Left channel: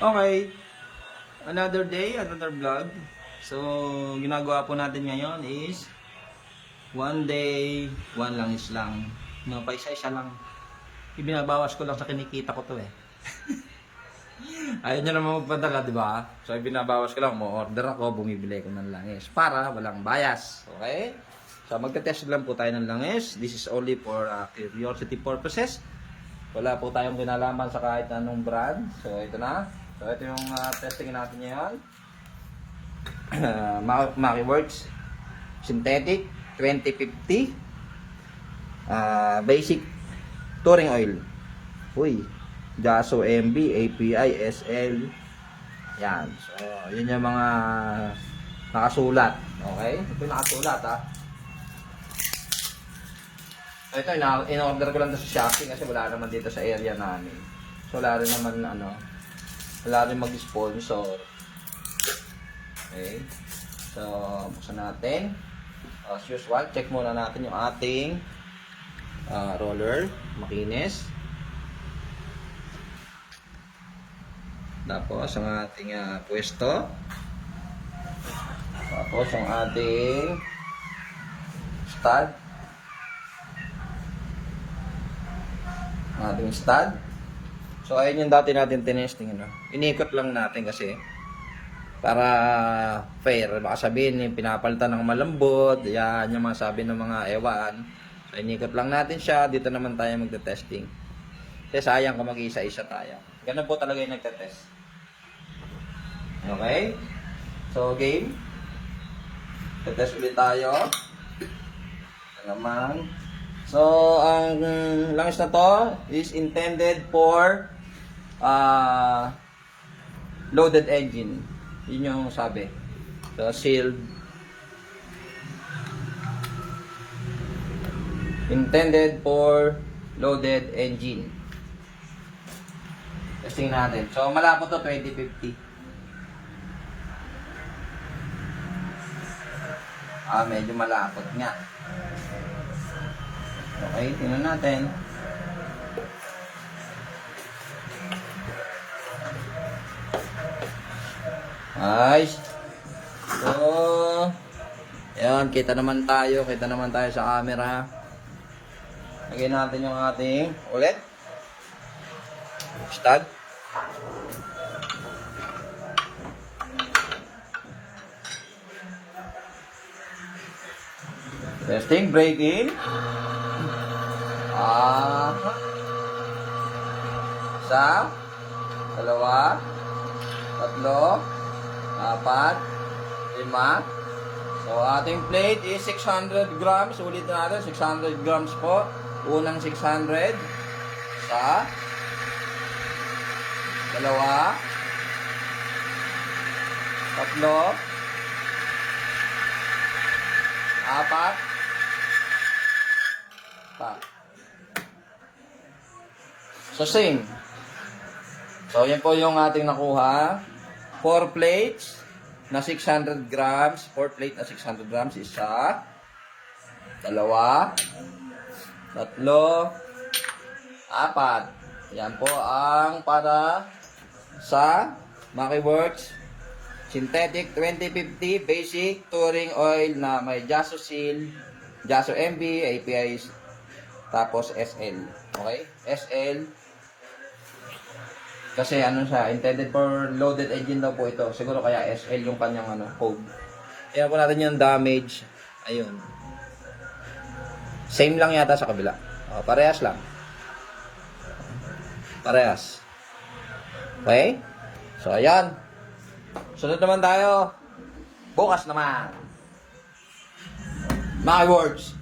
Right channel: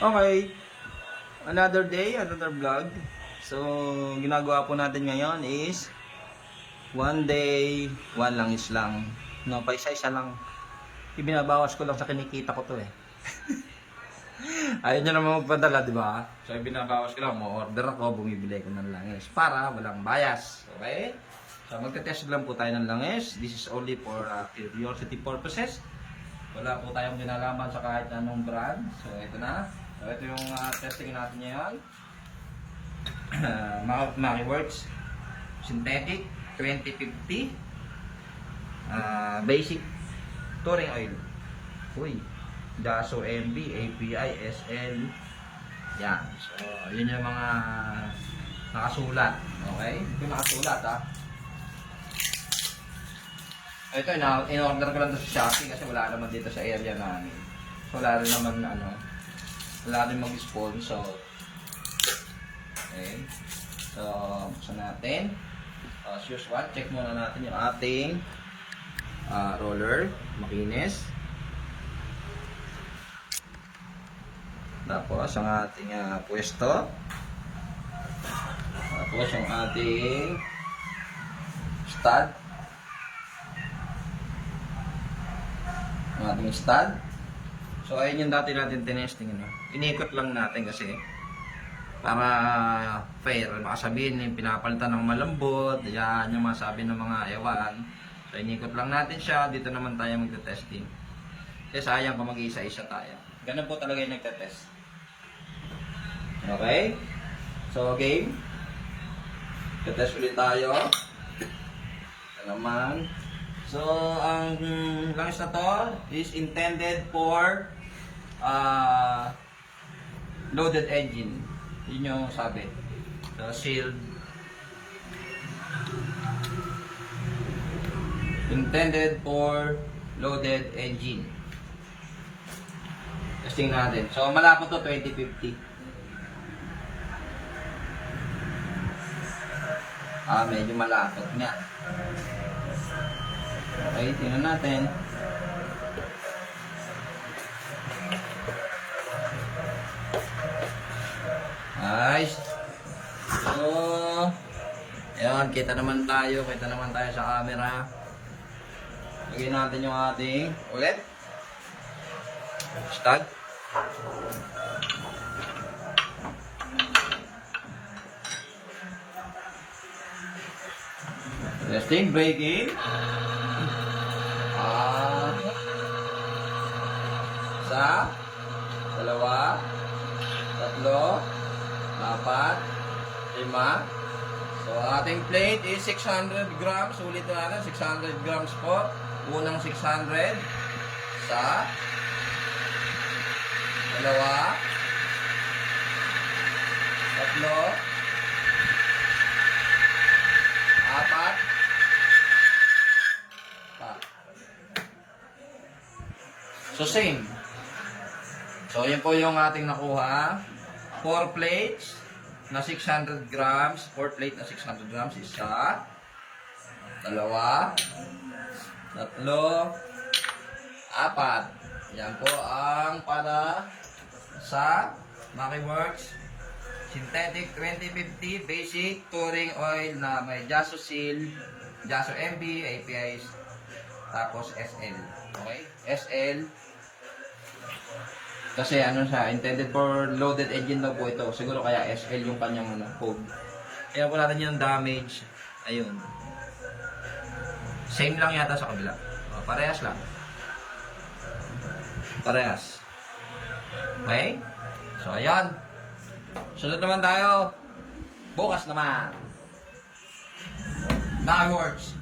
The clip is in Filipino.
Okay, another day, another vlog. So, ginagawa po natin ngayon is one day, one langis lang. No, paisa-isa lang. Ibinabawas ko lang sa kinikita ko to eh. Ayaw nyo naman magpadala, di ba? So, ibinabawas ko lang. Mo-order ako, bumibili ko ng langis para walang bias. Okay? So, magte-test lang po tayo ng langis. This is only for curiosity purposes. Wala po tayong kinalaman sa kahit anong brand. So, ito na. So, ito yung testing natin ngayon. Makiworks Synthetic 2050 Basic Touring Oil. Uy, Jaso MB, API, SL. Yan. So, yun yung mga nakasulat. Okay? Ito yung nakasulat ha. Ito, in-order ko lang sa Shopee kasi wala naman dito sa area namin. So, wala rin naman wala rin mag-sponsor. Okay. So, buksan natin. As usual, check muna natin yung ating roller. Makinis. Tapos, ang ating pwesto. Tapos, yung ating stud. Ang ating stud. So, ayun yung dati natin tinesting. Inikot lang natin kasi para fair. Baka sabihin yung pinapalitan ng malambot. Yan yung masabi ng mga ewan. So, inikot lang natin siya. Dito naman tayo magte-testing. Kasi sayang kung mag-isa-isa tayo. Ganun po talaga yung nagte-test. Okay? So, game. Te-test ulit tayo. Ito naman. So, ang langis na to is intended for loaded engine. Yun yung sabi. So, sealed. Intended for loaded engine. Testing natin. So, malapot to 2050. Medyo malapot nga. Okay, tingnan natin. Nice. So, ayan, kita naman tayo sa camera. Lagyan natin yung ating ulit. Stud. Testing, braking. Isa, dalawa, tatlo, apat, lima. So, ating plate is 600 grams. Ulitin natin, 600 grams po. Unang 600. Isa, dalawa, tatlo, apat, pa. So, same. So, yan po yung ating nakuha. 4 plates na 600 grams. 4 plate na 600 grams. Isa, dalawa, tatlo, apat. Yan po ang para sa Makiworks Synthetic 2050 Basic Touring Oil na may Jaso Seal, Jaso MB, API, tapos SL. Okay? SL. Kasi ano siya, intended for loaded engine daw po ito. Siguro kaya SL yung kanyang code. Kaya po natin yung damage. Ayun. Same lang yata sa kabila. Parehas lang. Parehas. Okay? So, ayan. Sunod naman tayo. Bukas naman. Makiworks